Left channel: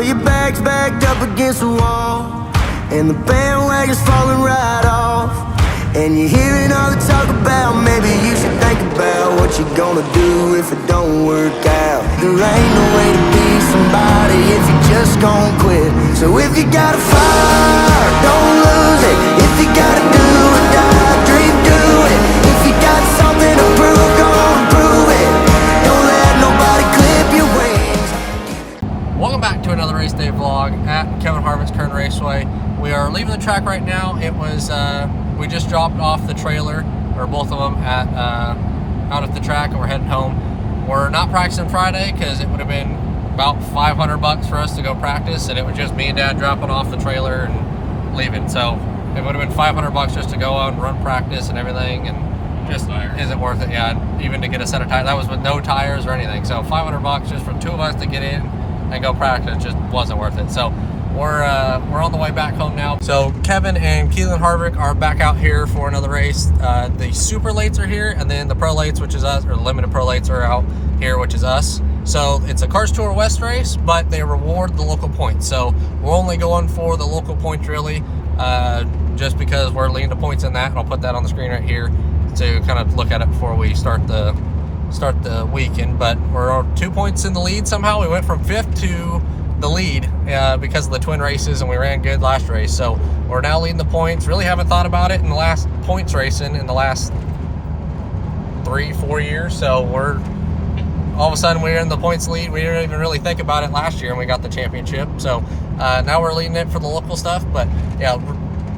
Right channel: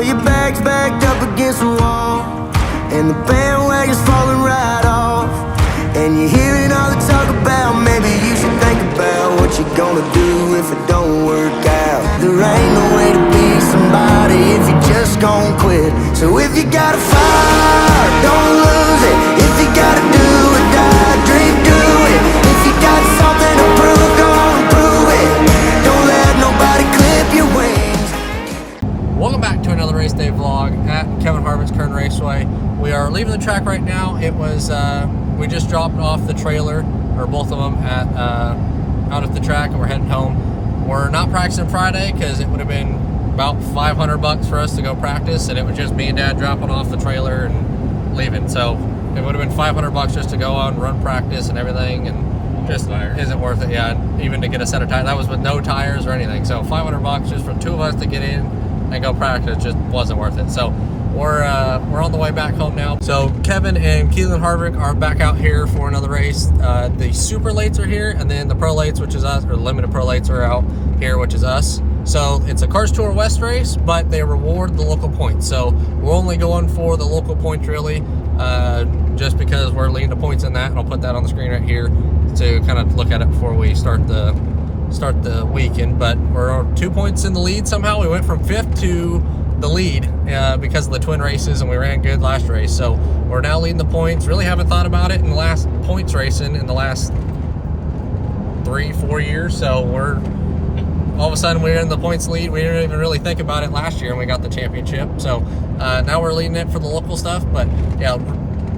Well, your back's backed up against the wall, and the bandwagon's falling right off. And you're hearing all the talk about maybe you should think about what you're gonna do if it don't work out. There ain't no way to be somebody if you just gon' quit. So if you got a fire, don't lose it. If you gotta do or die, dream, do it. If you got something to prove, go on and prove it. Don't let nobody clip your wings. Welcome back to another Race Day vlog at Kevin Harvick's Kern Raceway. We are leaving the track right now. It was we just dropped off the trailer, or both of them, at out at the track, and we're heading home. We're not practicing Friday because it would have been about $500 for us to go practice, and it was just me and Dad dropping off the trailer and leaving. So it would have been $500 just to go on, run practice and everything, and just isn't worth it. Yeah, even to get a set of tires. That was with no tires or anything. So $500 just for two of us to get in and go practice just wasn't worth it. So we're on the way back home now. So Kevin and Keelan Harvick are back out here for another race. The super lates are here, and then the pro lates, which is us, or limited pro lates, are out here, which is us. So it's a Cars Tour West race, but they reward the local points. So we're only going for the local points really, just because we're leading the points in that, and I'll put that on the screen right here to kind of look at it before we start the weekend. But we're 2 points in the lead somehow. We went from 5th to the lead because of the twin races, and we ran good last race. So we're now leading the points. Really haven't thought about it in the last points racing in the last 3-4 years. So we're all of a sudden we're in the points lead. We didn't even really think about it last year, and we got the championship. So now we're leading it for the local stuff. But yeah,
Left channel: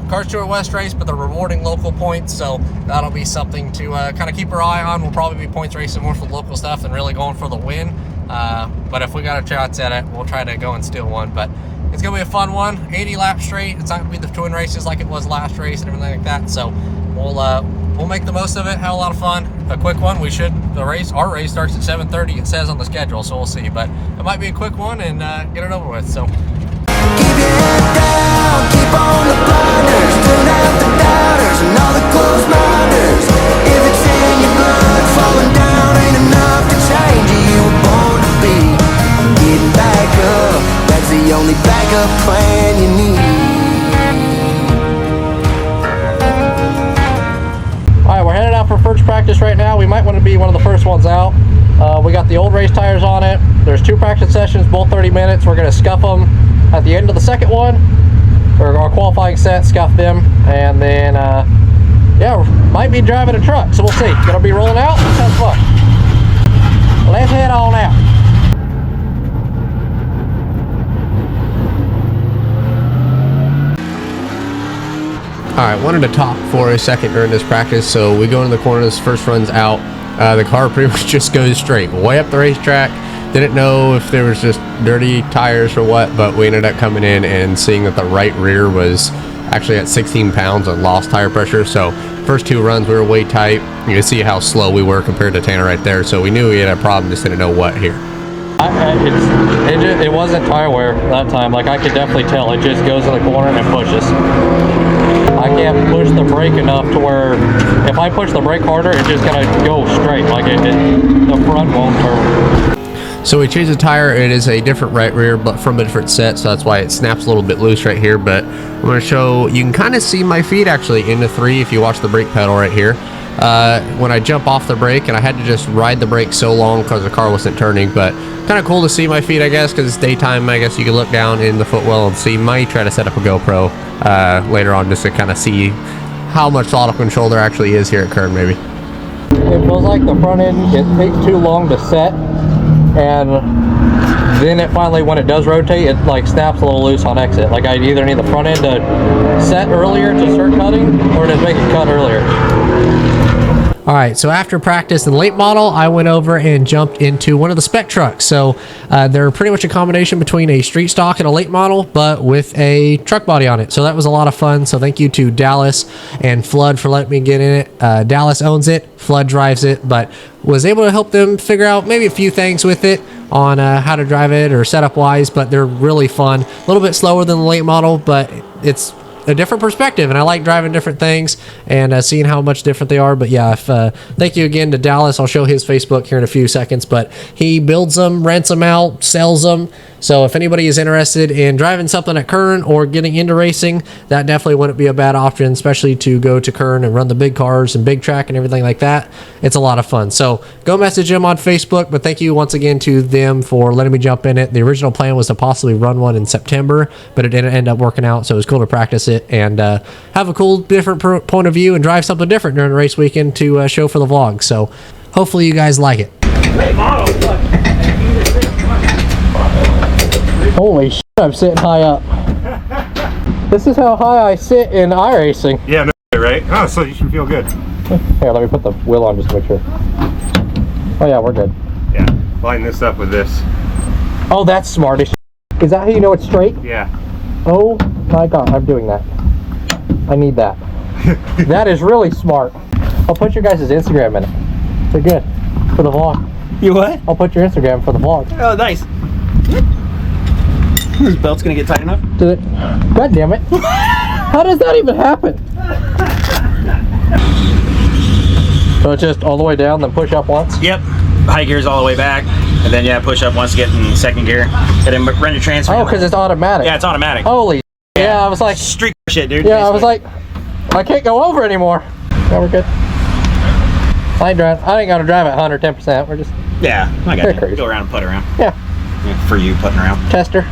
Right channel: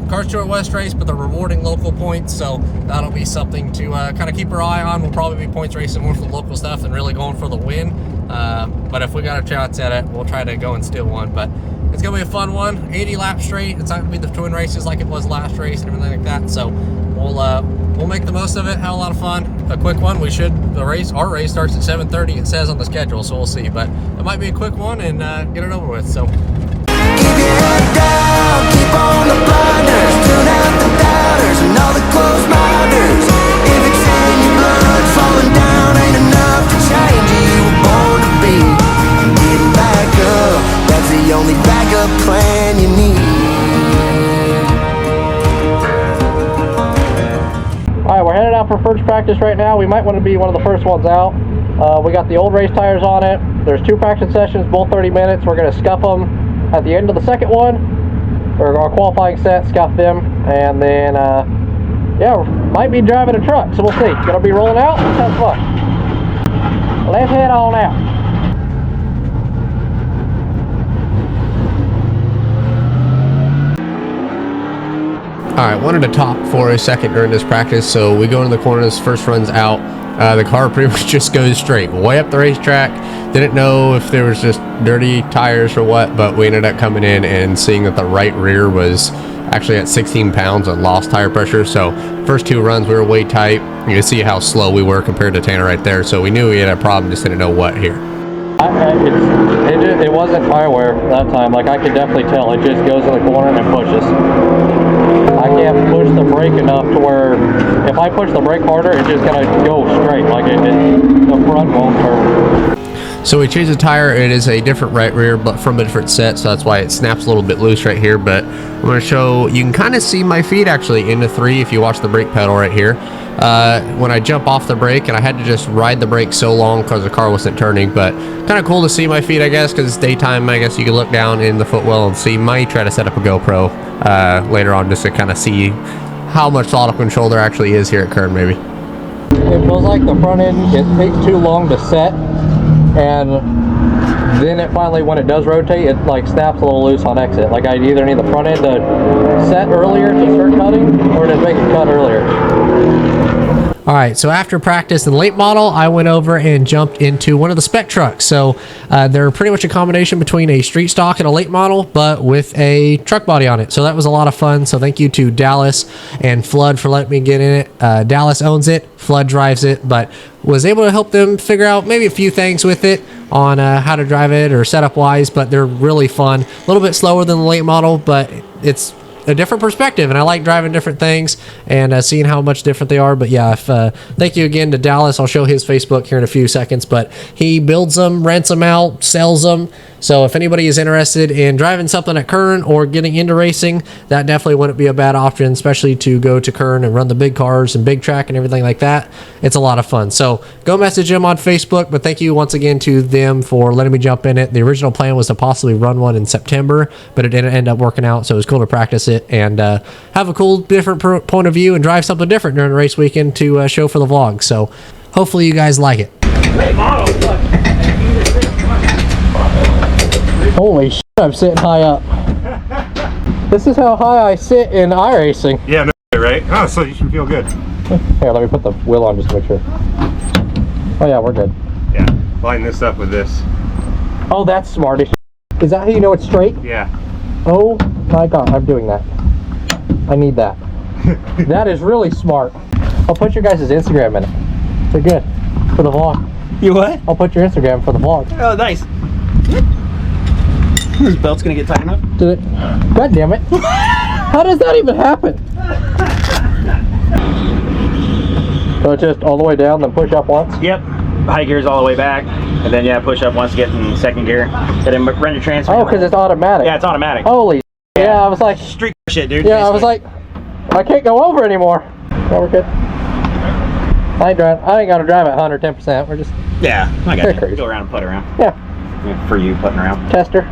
Cars Tour West race, but they're rewarding local points, so that'll be something to kind of keep our eye on. We'll probably be points racing more for the local stuff than really going for the win. But if we got a chance at it, we'll try to go and steal one. But it's gonna be a fun one, 80 laps straight. It's not gonna be the twin races like it was last race and everything like that. So we'll make the most of it, have a lot of fun. A quick one. Our race starts at 7:30. It says on the schedule, so we'll see. But it might be a quick one and get it over with. So Keep your head down, keep on the blinders, tune out the doubters and all the close minders. If it's in your blood, falling down ain't enough to change you. You were born to be getting back up. That's the only backup plan you need. Alright, we're headed out for first practice right now. We might want to be one of the first ones out. We got the old race tires on it. There's 2 practice sessions, both 30 minutes. We're going to scuff them at the end of the second one, or our qualifying set, scuff them, and then yeah, might be driving a truck, so we'll see. Gonna be rolling out. Let's have fun. Let's head on out. Alright, wanted to talk for a second during this practice. So we go into the corner, this first run's out. The car pretty much just goes straight way up the racetrack. Didn't know if there was just dirty tires or what, but we ended up coming in and seeing that the right rear was actually at 16 pounds on lost tire pressure. So first 2 runs we were way tight. You can see how slow we were compared to Tanner right there. So we knew we had a problem, just didn't know what here. It wasn't tire wear that time. Like, I could definitely tell. It just goes in the corner and pushes. I can't push the brake enough to where if I push the brake harder, it's just gonna go straight. Like the front won't turn. So we changed the tire. It is a different right rear, but from a different set, so that's why it snaps a little bit loose right here. But I'm going to show, you can kind of see my feet actually into 3 if you watch the brake pedal right here. When I jump off the brake, and I had to just ride the brake so long because the car wasn't turning, but kind of cool to see my feet, I guess, because it's daytime. I guess you can look down in the footwell and see. Might try to set up a GoPro later on just to kind of see how much throttle control there actually is here at Kern, maybe. It feels like the front end, it takes too long to set. And then it finally, when it does rotate, it like snaps a little loose on exit. Like, I either need the front end to set earlier to start cutting, or to make it cut earlier. Alright, so after practice in the late model, I went over and jumped into one of the spec trucks. So they're pretty much a combination between a street stock and a late model, but with a truck body on it. So that was a lot of fun. So thank you to Dallas and Flood for letting me get in it. Dallas owns it, Flood drives it, but was able to help them figure out maybe a few things with it on how to drive it or setup wise, but they're really fun. A little bit slower than the late model, but it's a different perspective, and I like driving different things and seeing how much different they are. But yeah, thank you again to Dallas. I'll show his Facebook here in a few seconds, but he builds them, rents them out, sells them, So if anybody is interested in driving something at Kern or getting into racing, that definitely wouldn't be a bad option, especially to go to Kern and run the big cars and big track and everything like that. It's a lot of fun. So go message them on Facebook, but thank you once again to them for letting me jump in it. The original plan was to possibly run one in September, but it didn't end up working out, so it was cool to practice it and have a cool different point of view and drive something different during the race weekend to show for the vlog. So hopefully you guys like it. Holy shit, I'm sitting high up. This is how high I sit in iRacing. Yeah, no, right? Oh, so you should feel good. Here, let me put the wheel on just to make sure. Oh yeah, we're good. Yeah, line this up with this. Oh, that's smart. Is that how you know it's straight? Yeah. Oh my god, I'm doing that. I need that. That is really smart. I'll put your guys' Instagram in it. They're good for the vlog. You what? I'll put your Instagram for the vlog. Oh, nice. This belt's gonna get tight enough. Did it? God damn it. How does that even happen? So it's just all the way down, then push up once? Yep. High gear's all the way back, and then yeah, push up once to get in second gear. And then run your transfer. Oh, because it's automatic. Yeah, it's automatic. Holy yeah, I was like... Street shit, dude. Yeah, basically. I was like, I can't go over anymore. Yeah, we're good. I ain't gonna drive at 110%. We're just... Yeah, I got crazy. you. Go around and putt around. Yeah. For you, putting around. Tester.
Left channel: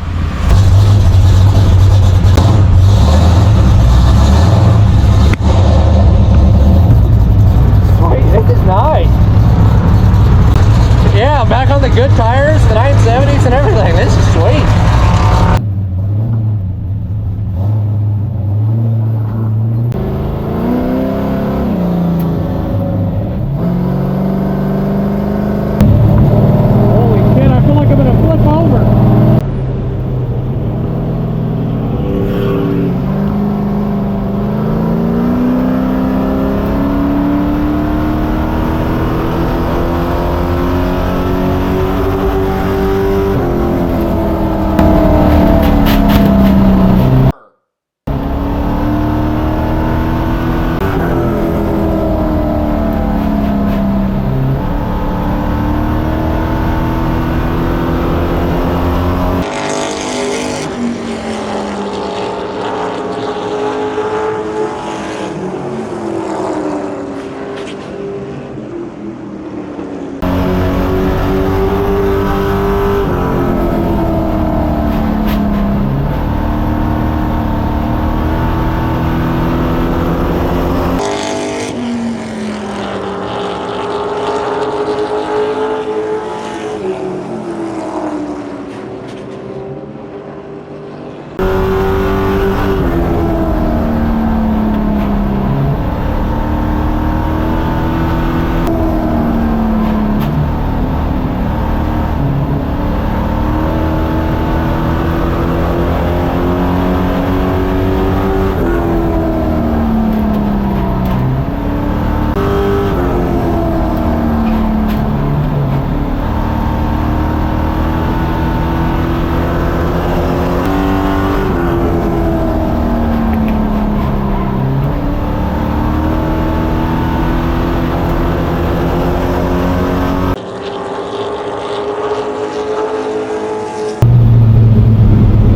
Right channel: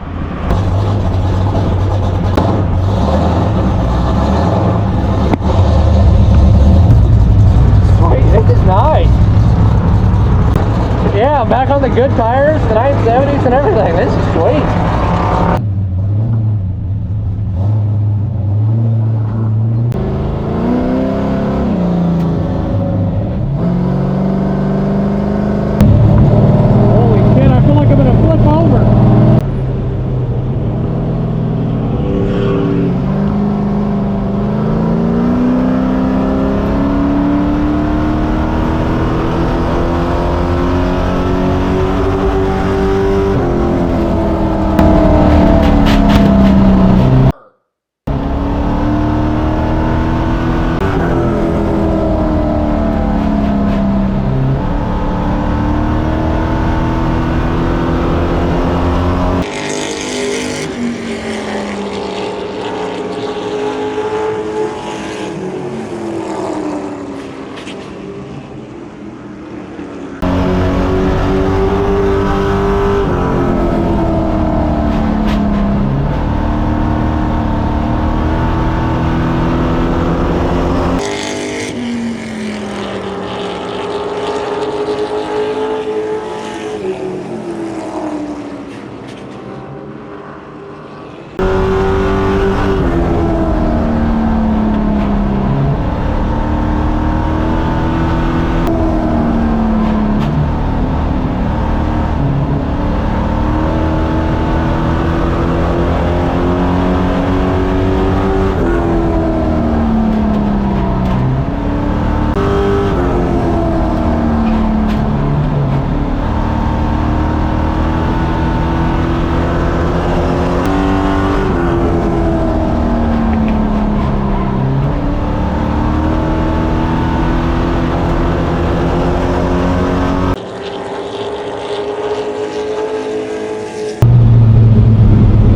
This is nice. Yeah, back on the good tires, the 970s and everything. This is sweet. Holy shit, I feel like I'm gonna flip over.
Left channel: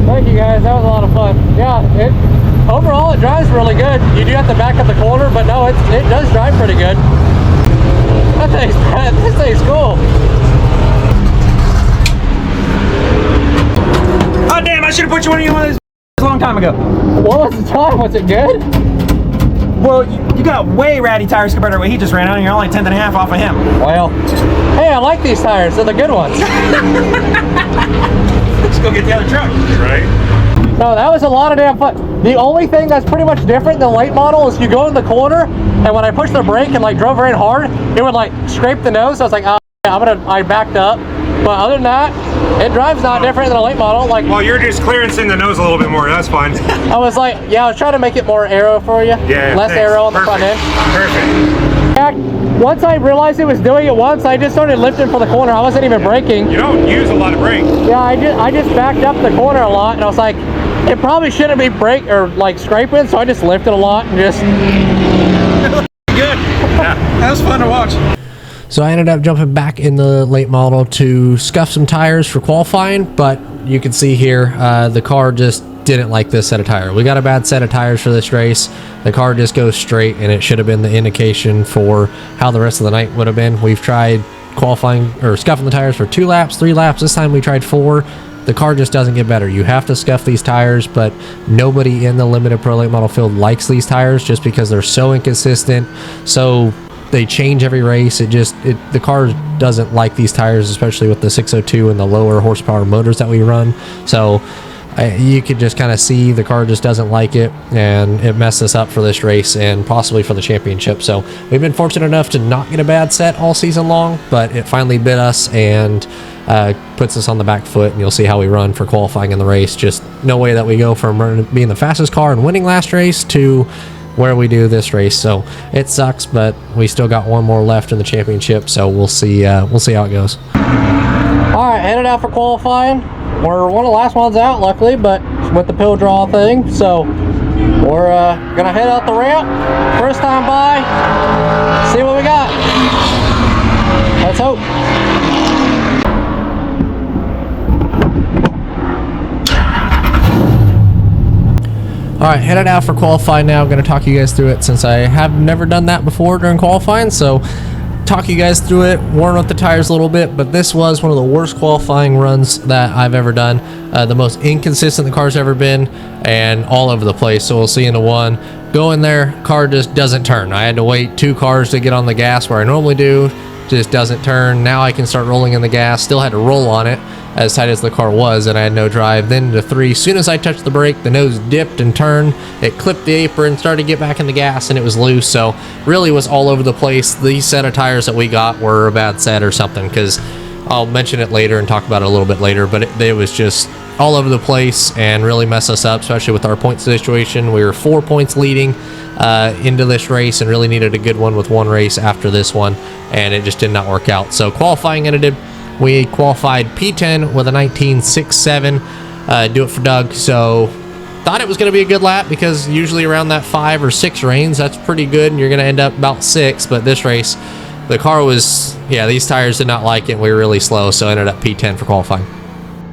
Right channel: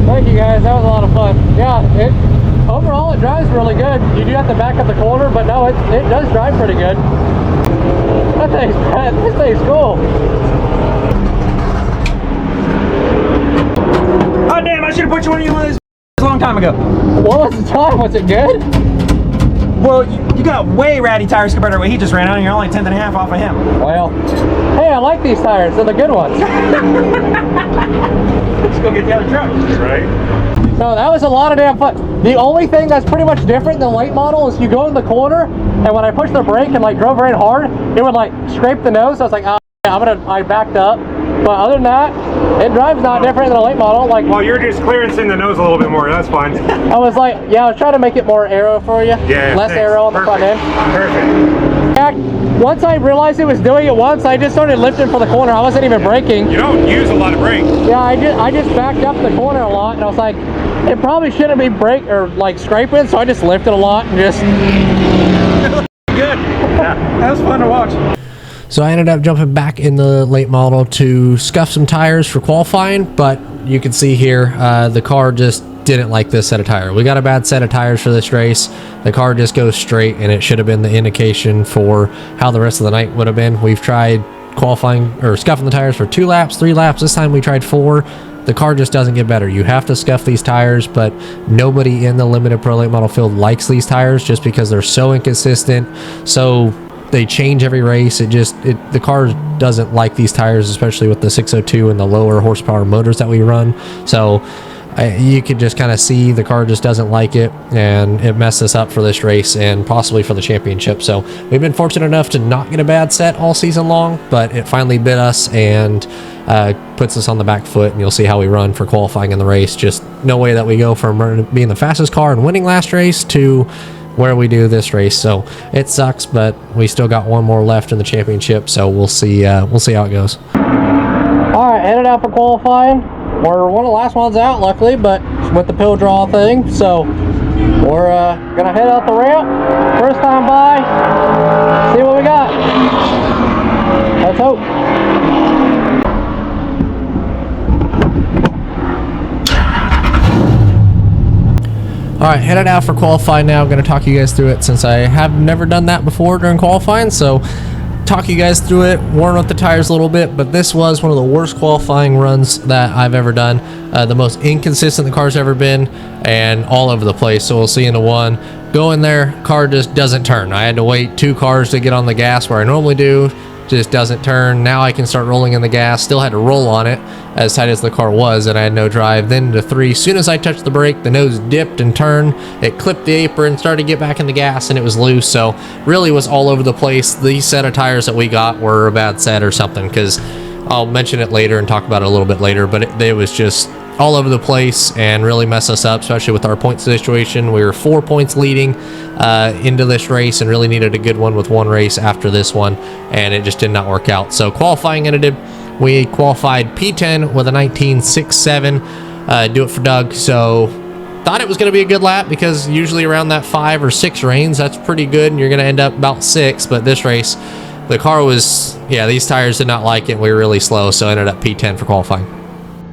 Thank you guys, that was a lot of fun. Yeah, overall it drives really good. You do have to back up the corner, but no, it does drive pretty good. That thing's bad. This thing's cool. Oh damn! I should have put you on one of those a long time ago. What was the time? Was it good? Well, you got way ratty tires compared to what he just ran on, and you're only 1/10 off of him. Well, hey, I like these tires. They're the good ones. Let's go get the other truck. Right? No, that was a lot of damn fun. The only thing that's pretty much different than the late model is you go in the corner, and when I pushed the brake and like drove very hard, it would like scrape the nose. So I was like, oh, yeah, I backed up. But other than that, it drives not different than a late model. Like, well, you're just clearancing the nose a little bit more. That's fine. I was like, yeah, I was trying to make it more aero for you. Yeah. Less thanks. aero on the Perfect. front end. Perfect. Yeah, once I realized it was doing it once, I just started lifting for the corner. I wasn't even braking. You don't use a lot of brake. Yeah, I just backed up the corner a lot, and I was like, it probably shouldn't be brake or like scraping, so I just lifted a lot and just. Good. Yeah. That was fun to watch. So I ended up jumping back in the late model to scuff some tires for qualifying, but you can see here the car just didn't like this set of tires. We got a bad set of tires for this race. The car just goes straight, and it should have been the indication for how the rest of the night would have been. We've tried qualifying or scuffing the tires for 2 laps, 3 laps. This time we tried 4. The car just doesn't get better. You have to scuff these tires, but nobody in the limited pro late model field likes these tires just because they're so inconsistent. So they change every race. The car doesn't like these tires, especially with the 602 and the lower horsepower motors that we run. So you could just kind of see the car just doesn't like it, and it messed us up for this race and possibly for the championship. So we've been fortunate enough to not get a bad set all season long, but it finally bit us and puts us on the back foot, and you'll see how we run for qualifying in the race. Just no way that we go from being the fastest car and winning last race to where we do this race. So it sucks, but we still got one more left in the championship, so we'll see how it goes. All right, headed out for qualifying. We're one of the last ones out, luckily, but with the pill draw thing, so we're gonna head out the ramp. First time by, see what we got. Let's hope. All right, headed out for qualifying now. I'm going to talk you guys through it since I have never done that before during qualifying. So talk you guys through it, warm up the tires a little bit, but this was one of the worst qualifying runs that I've ever done. The most inconsistent the car's ever been, and all over the place. So we'll see in the one. Go in there, car just doesn't turn. I had to wait 2 cars to get on the gas where I normally do. Just doesn't turn. Now I can start rolling in the gas. Still had to roll on it as tight as the car was, and I had no drive. Then to 3, as soon as I touched the brake, the nose dipped and turned. It clipped the apron, started to get back in the gas, and it was loose. So really was all over the place. These set of tires that we got were a bad set or something, because I'll mention it later and talk about it a little bit later, but it was just all over the place and really messed us up, especially with our point situation. We were 4 points leading into this race and really needed a good one with one race after this one, and it just did not work out. So qualifying ended, we qualified P10 with a 19.67, do it for Doug. So thought it was going to be a good lap, because usually around that 5 or 6 range, that's pretty good, and you're going to end up about 6. But this race, the car was, these tires did not like it. We were really slow, so ended up P10 for qualifying.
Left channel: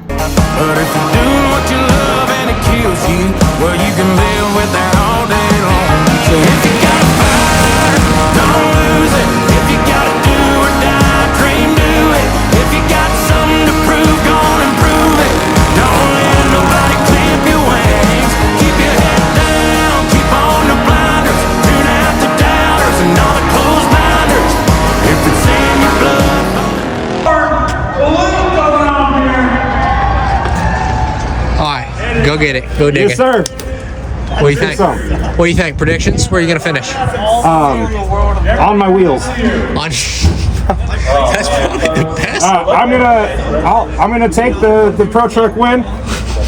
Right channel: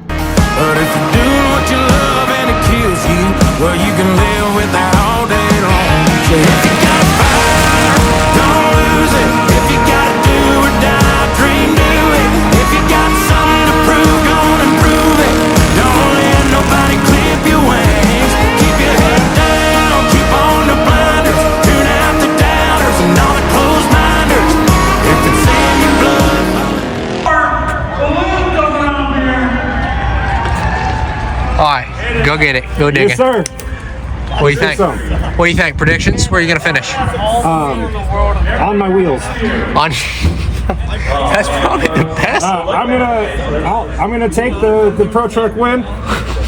But if you're doing what you love and it kills you, well, you can live with that all day long. So if you got a fire, don't lose it. If you gotta do or die, dream, do it. If you got something to prove, go on and prove it. Don't let nobody clip your wings. Keep your head down, keep on the blinders. Tune out the doubters and all the closed minders. If it's in your blood. All right, go get it. Go dig Yes, it. sir. What do you think? What do you think? Predictions? Where are you gonna finish? On my wheels. On. That's probably the best. I'm gonna take the pro truck win,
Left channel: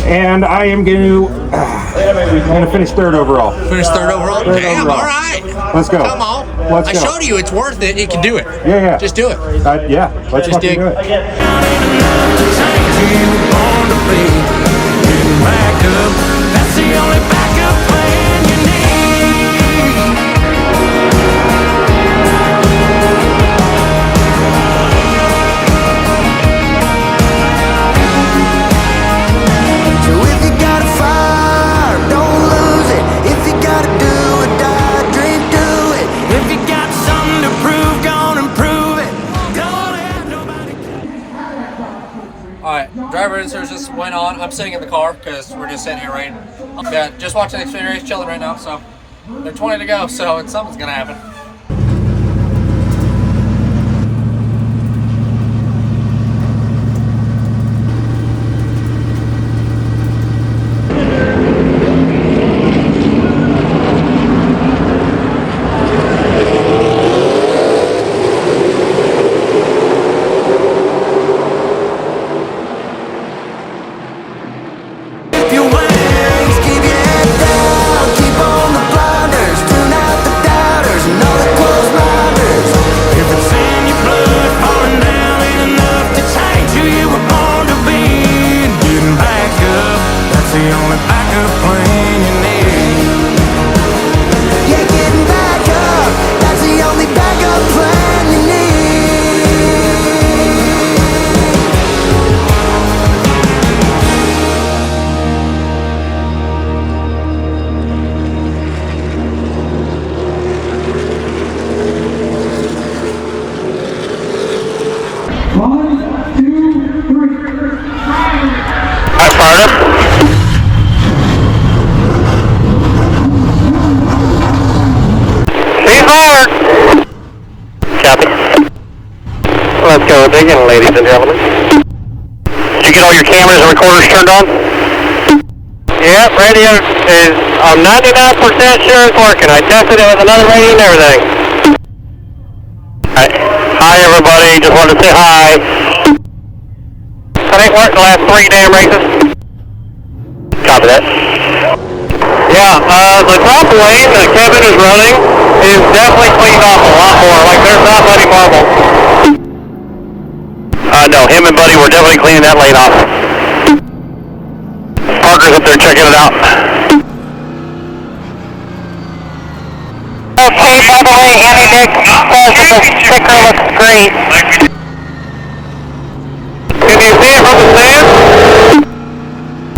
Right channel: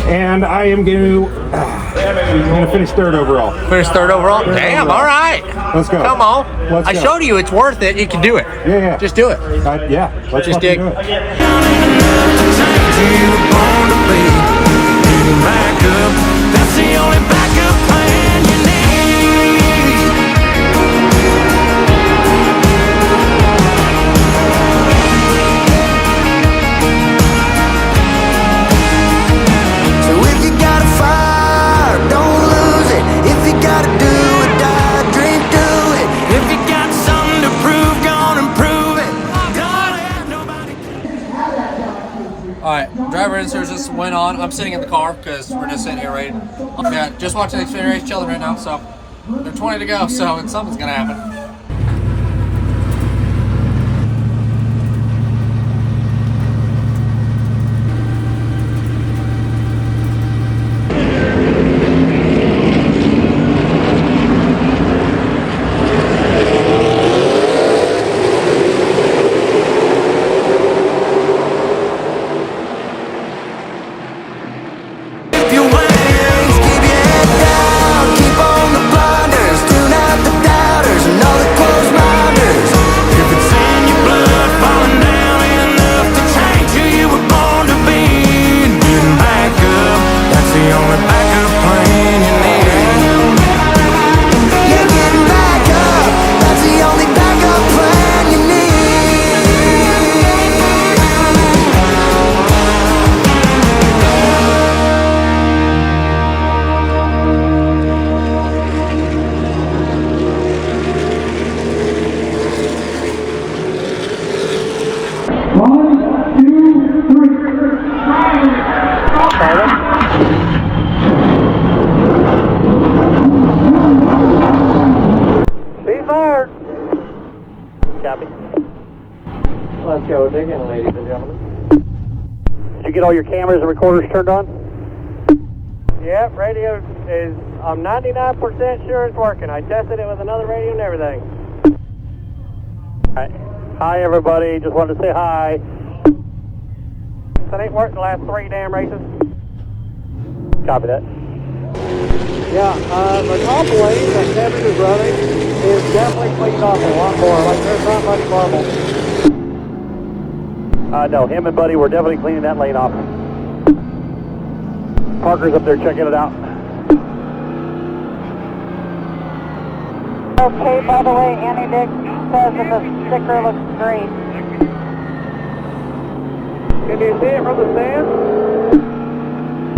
and I'm gonna finish 3rd overall. Finish 3rd overall. Damn. overall. All right. Let's go. Come on. Let's I go. showed you it's worth it. You can do it. Yeah. Just do it. Yeah. Let's Just fucking dig. do it. Back up, that's the only backup plan you need. So if you got a fire, don't lose it. If you gotta do or die, dream, do it. If you got something to prove, go on and prove it. Don't let nobody. All right, driver inserts just went on. I'm sitting in the car because we're just sitting here waiting. Yeah, just watching the Xfinity race, chilling right now. So there's 20 to go, so something's gonna happen. Your wings, keep your head down, keep on the blinders, tune out the doubters and all the closed minders. If it's in your blood, falling down ain't enough to change who you were born to be. And getting back up, that's the only backup plan you need. Yeah, getting back up, that's the only backup plan you need. Zero digging, ladies and gentlemen. Did you get all your cameras and recorders turned on? Yep, radio is, I'm 99% sure it's working. I tested it with another radio and everything. Hi everybody, just wanted to say hi. That ain't worked the last 3 damn races. Copy that. Yeah, the top lane that Kevin is running is definitely cleaned off a lot more. Like, there's not many marbles. No, him and Buddy were definitely cleaning that lane off. Parker's up there checking it out. Okay, by the way, Andy Dick says that the sticker looks great. Can you see it from the stand?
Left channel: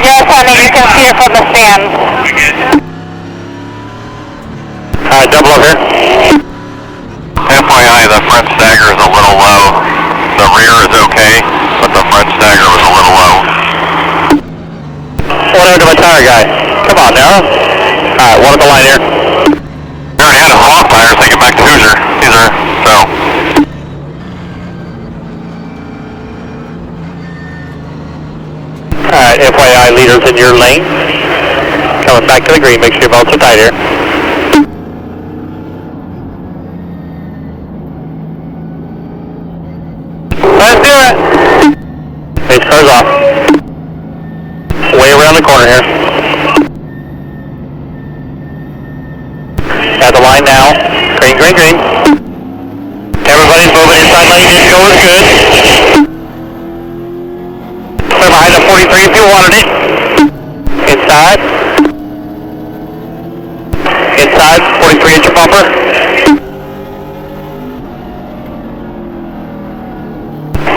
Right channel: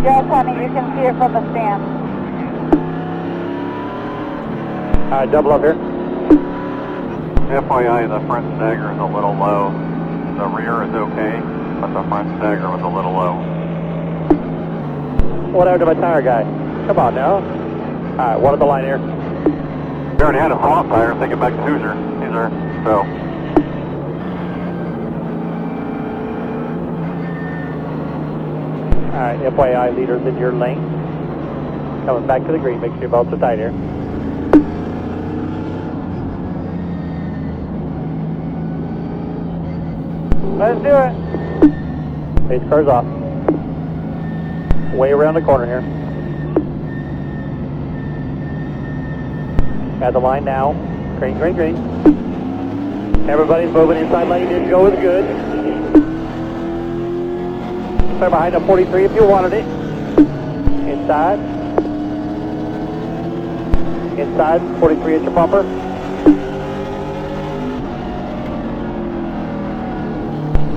Yes, honey, you can see it from the stand. Double up here. FYI, the front stagger is a little low. The rear is okay, but the front stagger was a little low. Whatever to my tire guy. Come on now. Alright, one at the line here. We already had a hawk tire, taking back to Hoosier. These are, so. Alright, FYI, leaders in your lane. Coming back to the green, make sure your belts are tight here. Let's do it! Pace car's off. Way around the corner here. At the line now. Green, green, green. Everybody's moving inside lane. Just go is good. Clear behind the 43 if you wanted it. Inside. Inside. 43 inch bumper.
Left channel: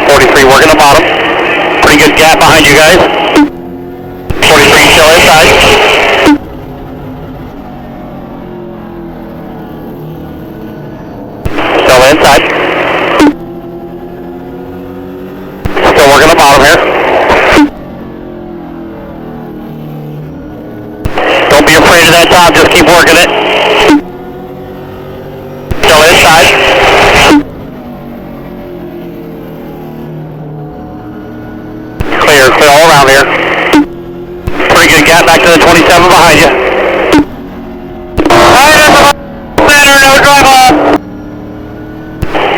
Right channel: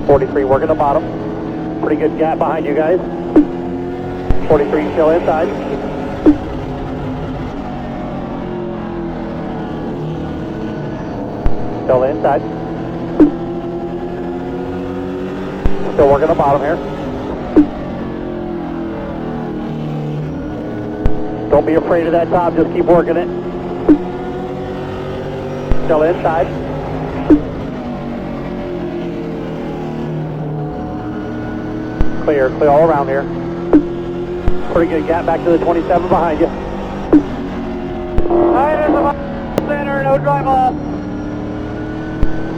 43 working the bottom. Pretty good gap behind you guys. 43 still inside. Still inside. Still working the bottom here. Don't be afraid of that top, just keep working it. Still inside. Clear all around here. Pretty good gap back to the 27 behind you. Right in the center, no drive off.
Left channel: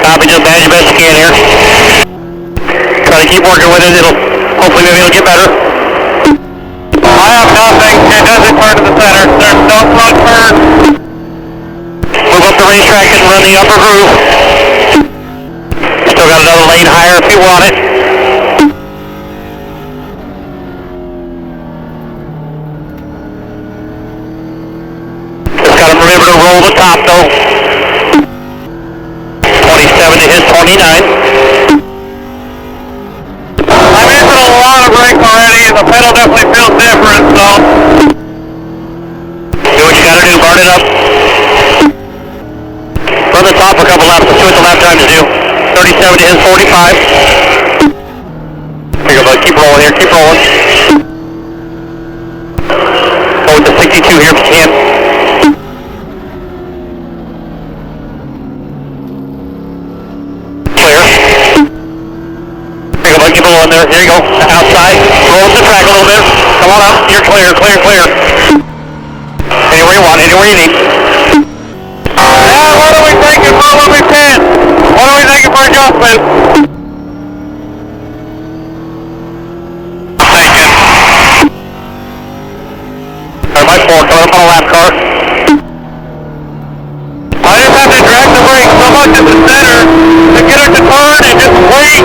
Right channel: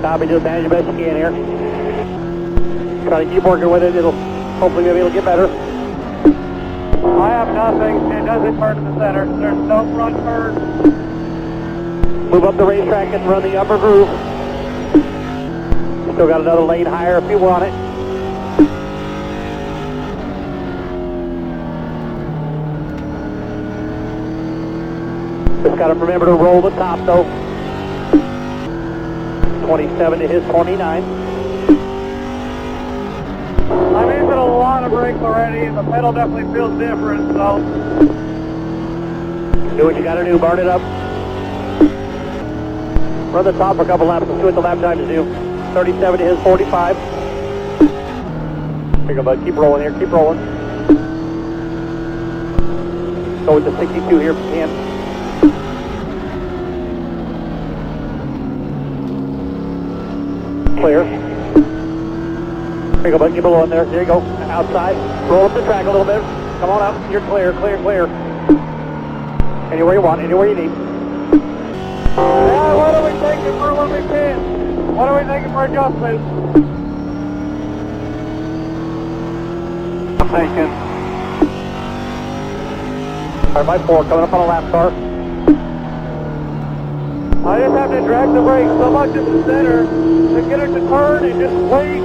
Copy, just manage your best you can here. Try to keep working with it, hopefully maybe it'll get better. I have nothing, it doesn't turn to the center. There's no front turn. Move up the racetrack and run the upper groove. Still got another lane higher if you want it. Remember to roll the top though. 27 to his 29. I'm missing a lot of brake already and the pedal definitely feels different, so. Do what you gotta do, burn it up. Run the top for a couple laps, let's see what the lap times do. 37 to his 45. Here you go, bud, keep rolling here, keep rolling. Go with the 62 here if you can. Keep it on there. Here you go. Outside. Roll up the track a little bit. Come on up. You're clear, clear, clear. Anywhere you want, anywhere you need. What are we thinking for when we pin? What are we thinking for adjustment? Thinking. Or my four, coming up on a lap car. I just have to drag the brake so much in the center to get it to turn and just wait.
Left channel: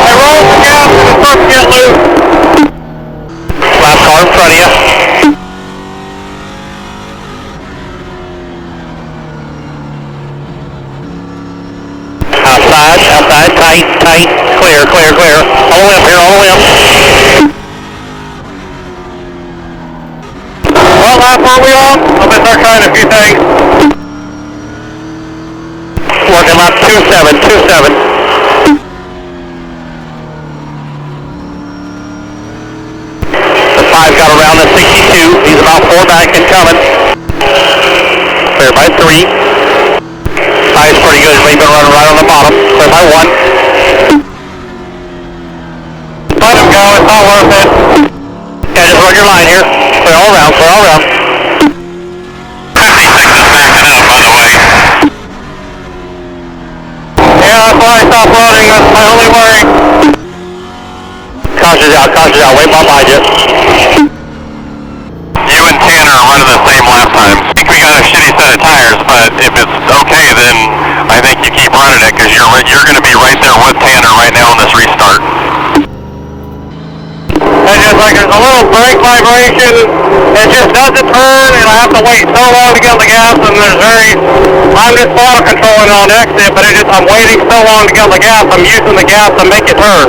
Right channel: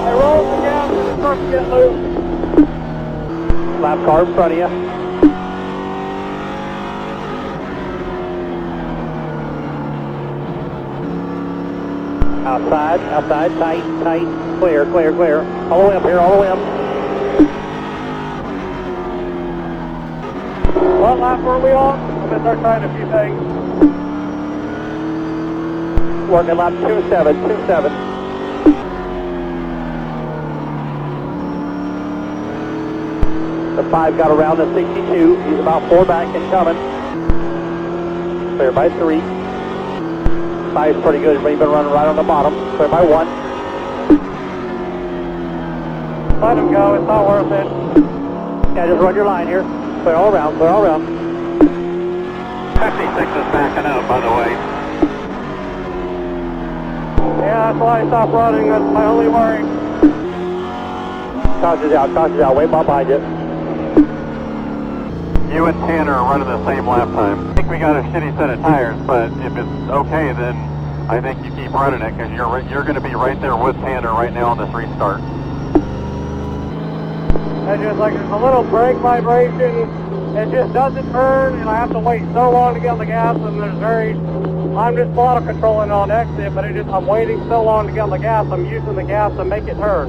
I roll the gas and it starts to get loose. Lap car in front of you. Outside, tight, clear. All the way up here, all the way up. What lap are we on? I'll be start trying a few things. Working lap 27. The 5 got around the 62. He's about 4 back and coming. Clear by 3. 5's pretty good. He's been running right on the bottom. Clear by 1. your line here. Clear all around, clear all around. 56 is backing up, by the way. Yeah, that's why I stopped running. That's my only worry. Caution's out. Wait behind you. You and Tanner are running the same lap time. I think we got a shitty set of tires, but if it's okay, then I think you keep running it because you're going to be right there with Tanner right now on this restart. It's just like there's a little brake vibration. It just doesn't turn, and I have to wait so long to get on the gas. And I'm just auto controlling on exit, but I'm waiting so long to get on the gas. I'm using the gas to make it turn.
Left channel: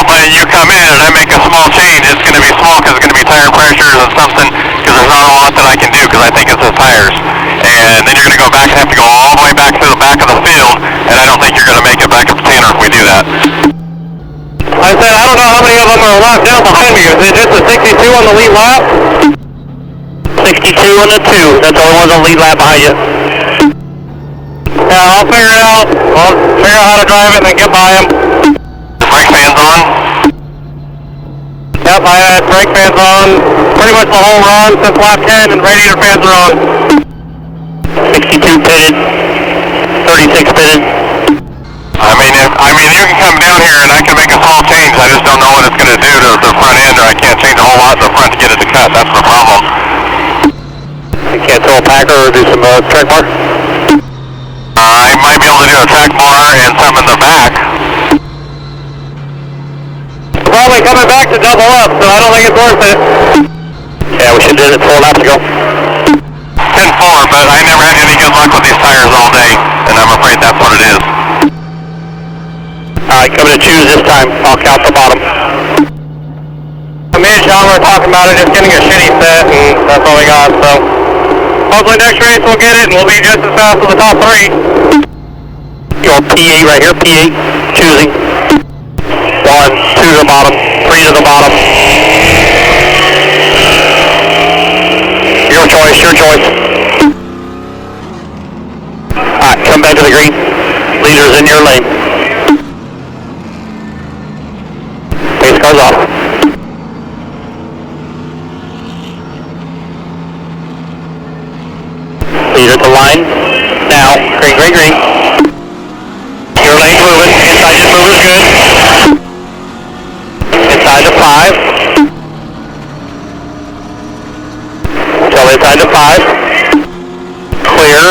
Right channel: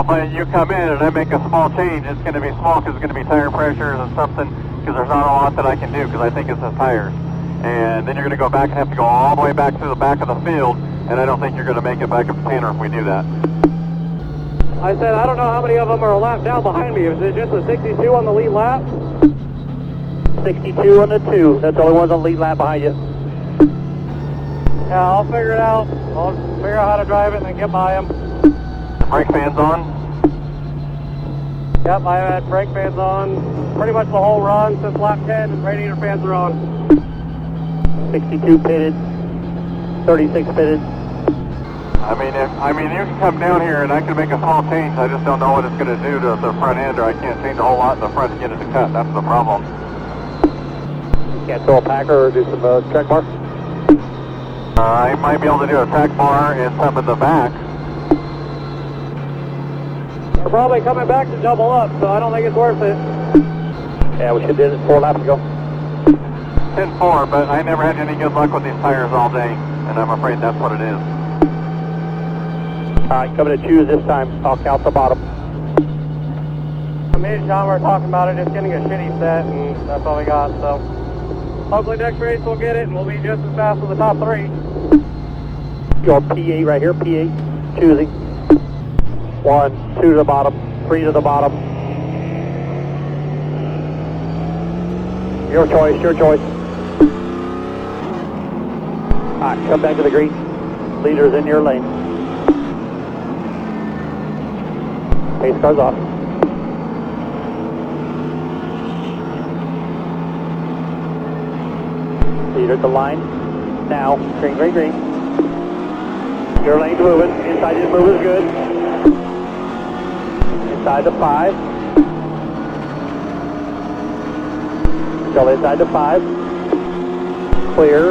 When you come in and I make a small change, it's going to be small because it's going to be tire pressures and something, because there's not a lot that I can do because I think it's the tires. And then you're going to go back and have to go all the way back to the back of the field, and I don't think you're going to make it back up to Tanner if we do that. I said, I don't know how many of them are locked down behind me. Is it just a 62 on the lead lap? 62 on the 2. That's the only one on the lead lap behind you. Yeah, I'll figure it out. I'll figure out how to drive it and then get by him. Brake fans on? Yep, I had brake fans on pretty much the whole run since lap 10, and radiator fans are on. 62 pitted, 36 pitted. I mean, you can come down here and I can make a small change. I just don't know what it's going to do to the front end, or I can't change a whole lot in the front to get it to cut. That's the problem. You can't throw a packer or do some track bar? I might be able to do a track bar and some in the back. Probably coming back to double up, so I don't think it's worth it. Yeah, we should have did it 4 laps ago. 10-4, but I never had any good luck with these tires all day, and I'm afraid that's what it is. Alright, coming to choose this time. I'll count the bottom. Me and Sean were talking about it, just getting a shitty set, and that's all we got, so hopefully next race we'll get it, and we'll be just as fast as the top 3. Your P8 right here, P8, choosing. 1, 2 to the bottom, 3 to the bottom. Your choice. Alright, come back to the green. Leaders in your lane. Pace car's off. Leader at the line. Now, green. Your lane's moving. Inside just move is good. Inside to 5. So inside to 5. Clear.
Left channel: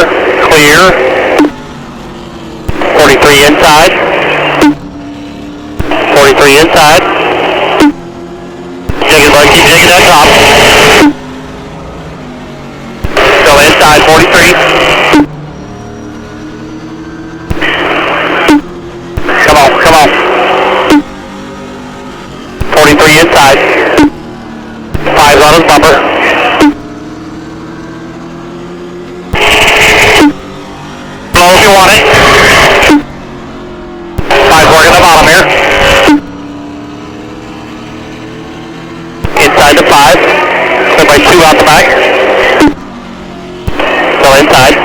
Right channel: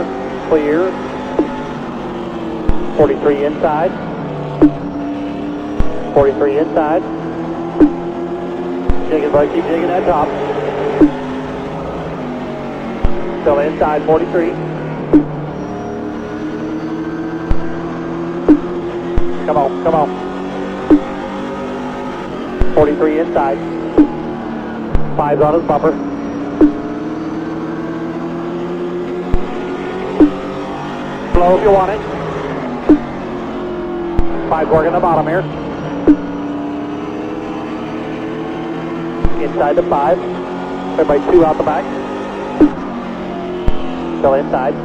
43 inside. 43 inside. Keep digging that top. Go inside 43. Come on. 43 inside. 5's on his bumper. Blow if you want it. 5's working the bottom here. Inside to 5. Clear by 2 out the back. Still inside.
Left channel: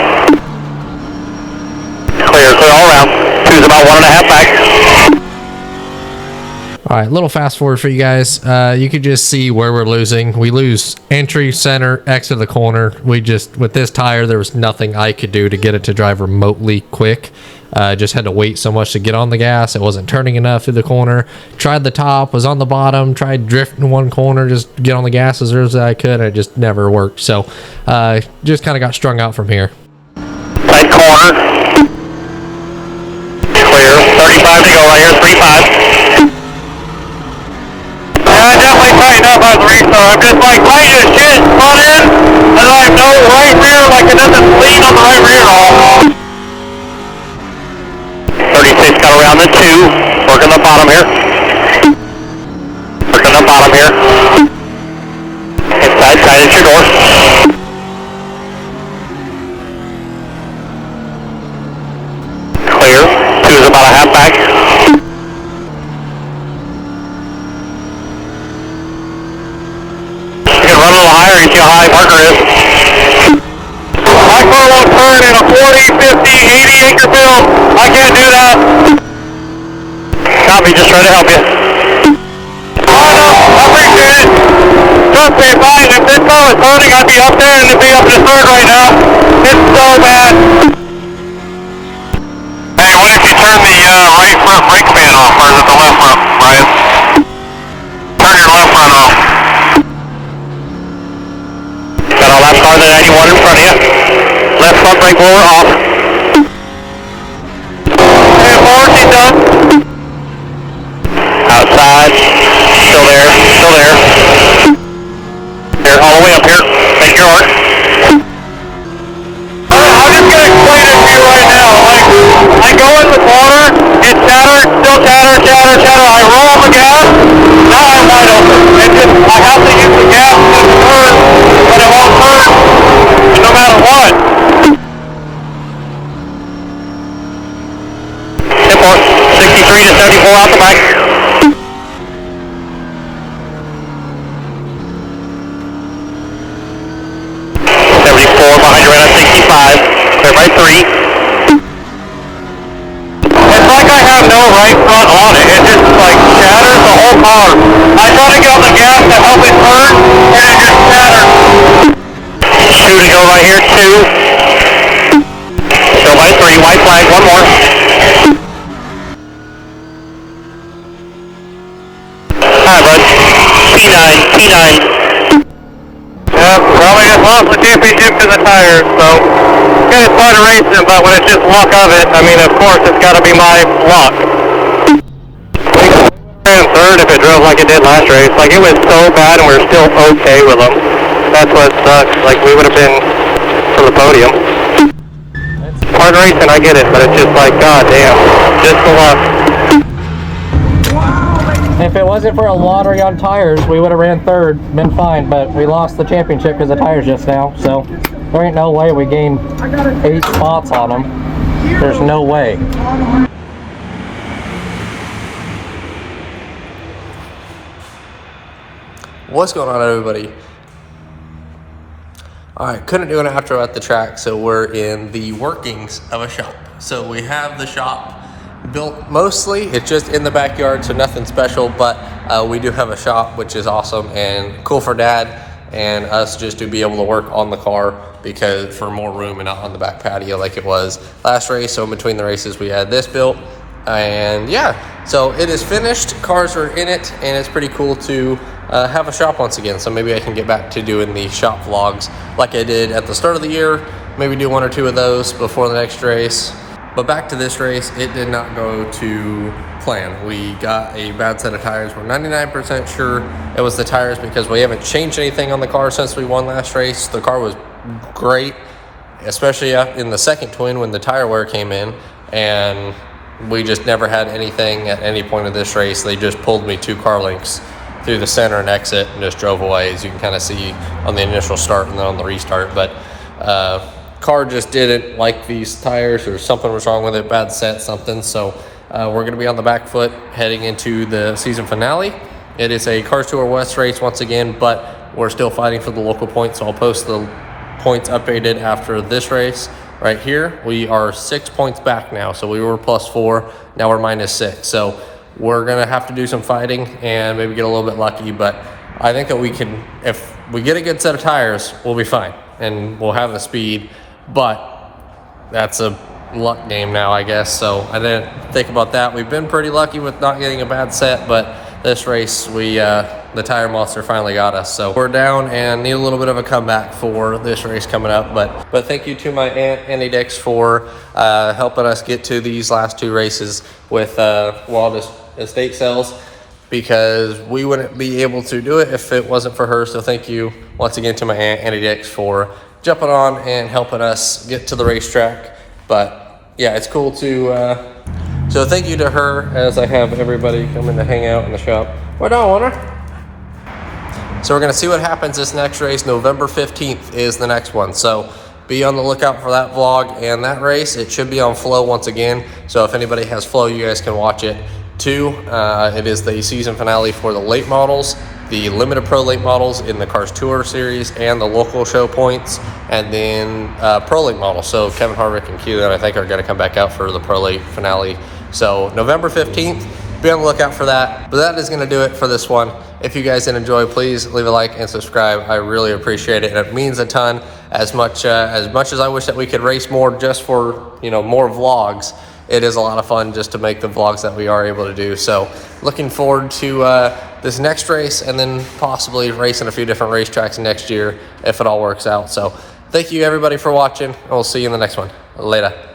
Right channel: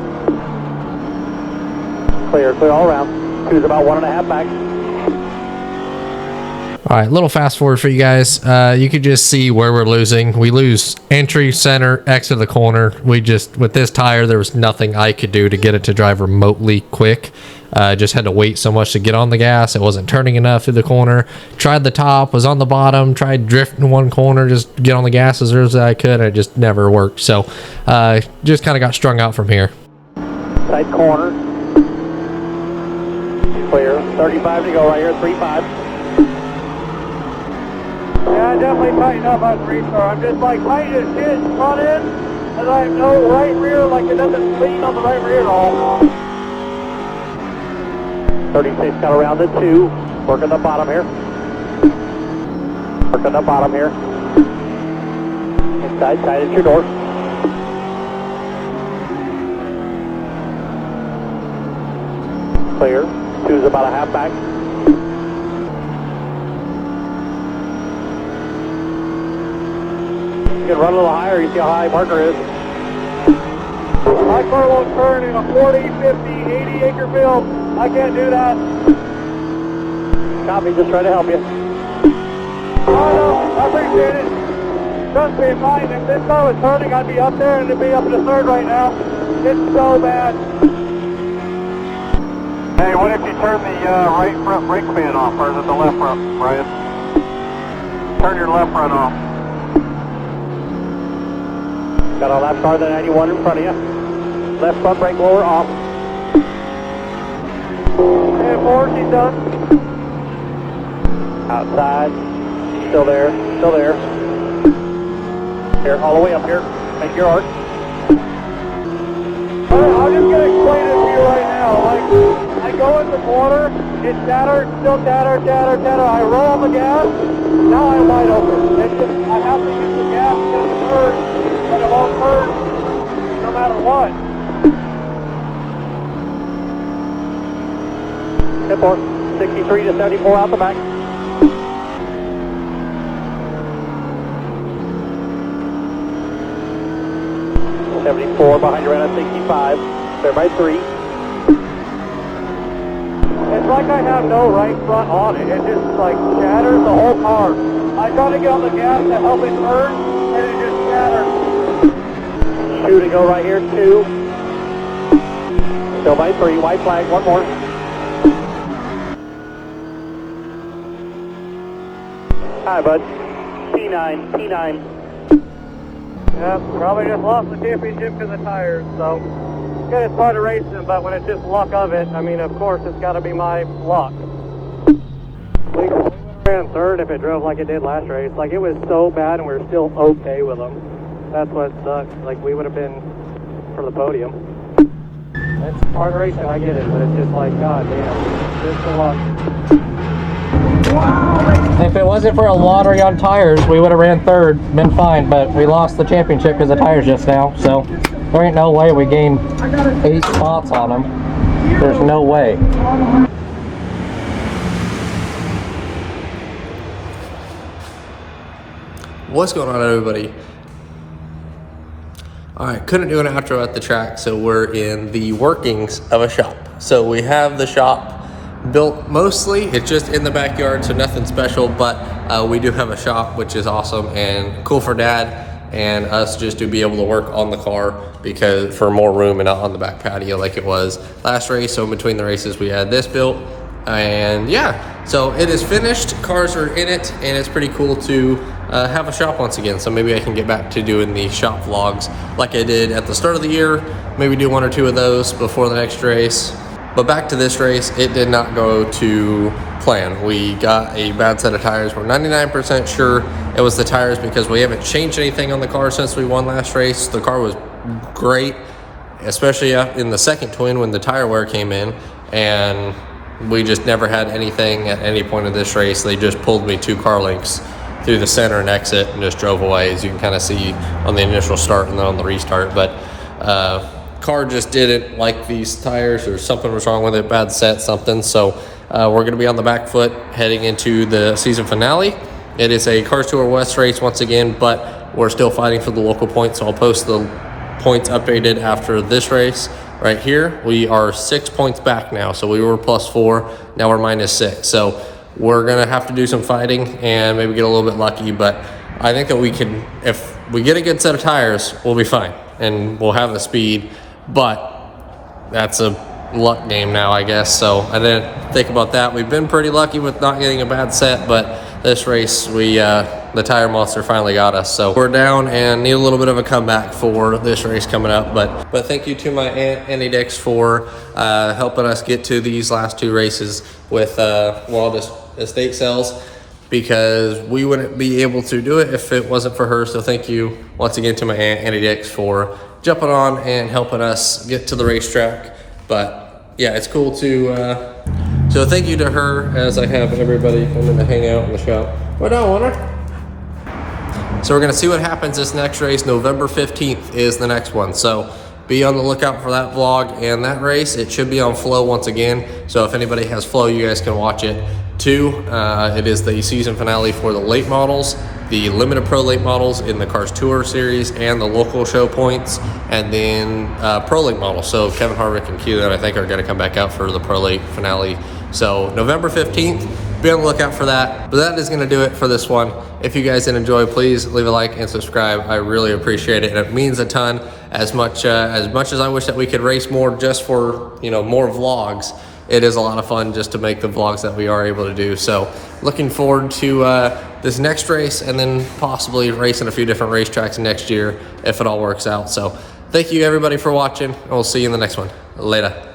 Clear all around. 2's about 1.5 back. All right, little fast forward for you guys. You could just see where we're losing. We lose entry, center, exit of the corner. With this tire, there was nothing I could do to get it to drive remotely quick. Just had to wait so much to get on the gas. It wasn't turning enough through the corner. Tried the top, was on the bottom, tried drifting one corner, just get on the gas as early as I could, and it just never worked. So just kind of got strung out from here. Side corner. Clear. 35 to go right here, 35. I definitely tightened up on the restart. I'm just like tight as shit front end, and I have no right rear, like it doesn't lean on the right rear at all. 36 got around the 2. Working the bottom here. Inside, tight at your door. Clear. 2's about a half back. How high marker is. My car won't turn in a 40, 50, 80 acre field. I can't do that. Copy, just trying to help you. Oh, no, I appreciate it. Okay, fine. If this car was turning, I'd be up there and it'd be up to third right now. It's so bad. Hey, what if you turn the right front brake fan off, or is it the left front, Brian? Turn your left front off. Got all that car, the 91 in front of you. Left front brake blower off. Hey, forward, he's done. Outside. Still there. Still there. Here, all the way up here. Take your arc. I'm just gonna explain it to you right now. Like, I go in the corner, it chatters, still chatter, chatter, chatter. I roll the gas, now I'm wide open. It's just, I have to use the gas to turn, but it won't turn no matter what. Import, 63 to 74 out the back. Behind your at 65, clear by 3. It's like I have no right front on it. It just like shatters the whole car. I try to get on the gas to help it turn, and it just shatters. 2 to go right here, 2. Still by 3, white flag, 1 more. Alright, bud. P9. Probably just lost the championship to the tires, so kind of started racing, but when it's just luck of it, I mean, of course, it's got to be my luck. And third if it drove like it did last race. Like, it was so bad, and we were still okay with them. That's what sucks. Like, we would have been for the podium. Hard racing, I get it, but it's just like, god damn, just the luck. If it wasn't for a lottery on tires, we would have ran third, been fine, but we lost the championship because of tires just now, so there ain't no way we gained 8 spots on them. There's no way. What's going on, everybody? Alright, couldn't do an outro at the track, so we're in the workings of a shop. So we have the shop built mostly, it's just in the backyard, so nothing special, but we do have a shop, which is awesome and cool for Dad and us just to be able to work on the car because for more room and not on the back patio like it was last race. So in between the races we had this built, and yeah, so it is finished, cars are in it, and it's pretty cool to have a shop once again. So maybe I can get back to doing the shop vlogs like I did at the start of the year, maybe do 1 or 2 of those before the next race. But back to this race, it did not go to plan. We got a bad set of tires. We're 99% sure it was the tires because we haven't changed anything on the car since we won last race. The car was great, especially in the second twin when the tire wear came in, and we just never had anything at any point of this race. They just pulled me 2 car lengths through the center and exit and just drove away, as you can kind of see on the initial start and then on the restart. But car just didn't like these tires, or something was wrong with it, bad set, something. So we're going to be on the back foot heading into the season finale. It is a Cars Tour West race once again, but we're still fighting for the local points, so I'll post the points updated after this race. Right here, we are 6 points back now, so we were +4, now we're -6. So we're going to have to do some fighting and maybe get a little bit lucky, but I think that we can, if we get a good set of tires, we'll be fine and we'll have the speed. But that's a luck game now, I guess. So I didn't think about that. We've been pretty lucky with not getting a bad set, but this race, the tire monster finally got us. So we're down and need a little bit of a comeback for this race coming up. But thank you to my aunt, Annie Dix, for helping us get to these last 2 races with Walt estate sales, because we wouldn't be able to do it if it wasn't for her. So thank you once again to my aunt, Annie Dix, for jumping on and helping us get to the racetrack. But yeah, it's cool to so thank you to her, as I have everybody coming to hang out in the shop. What on, Warner? So we're gonna see what happens this next race. November 15th is the next one, so be on the lookout for that vlog and that race. It should be on Flow once again, so if anybody has Flow, you guys can watch it too. It is the season finale for the late models, the limited pro late models in the Cars Tour series, and the local show points, and then pro late models. So Kevin Harvick and Keelan, I think, are going to come back out for the pro late finale. So November 15th, be on the lookout for that. But that is going to do it for this one. If you guys did enjoy, please leave a like and subscribe. I really appreciate it, and it means a ton. As much as I wish that we could race more just for, you know, more vlogs, it is a lot of fun just to make the vlogs that we are able to do. So looking forward to this next race, and then possibly racing a few different racetracks next year if it all works out. So thank you everybody for watching, and we'll see you in the next one. Later.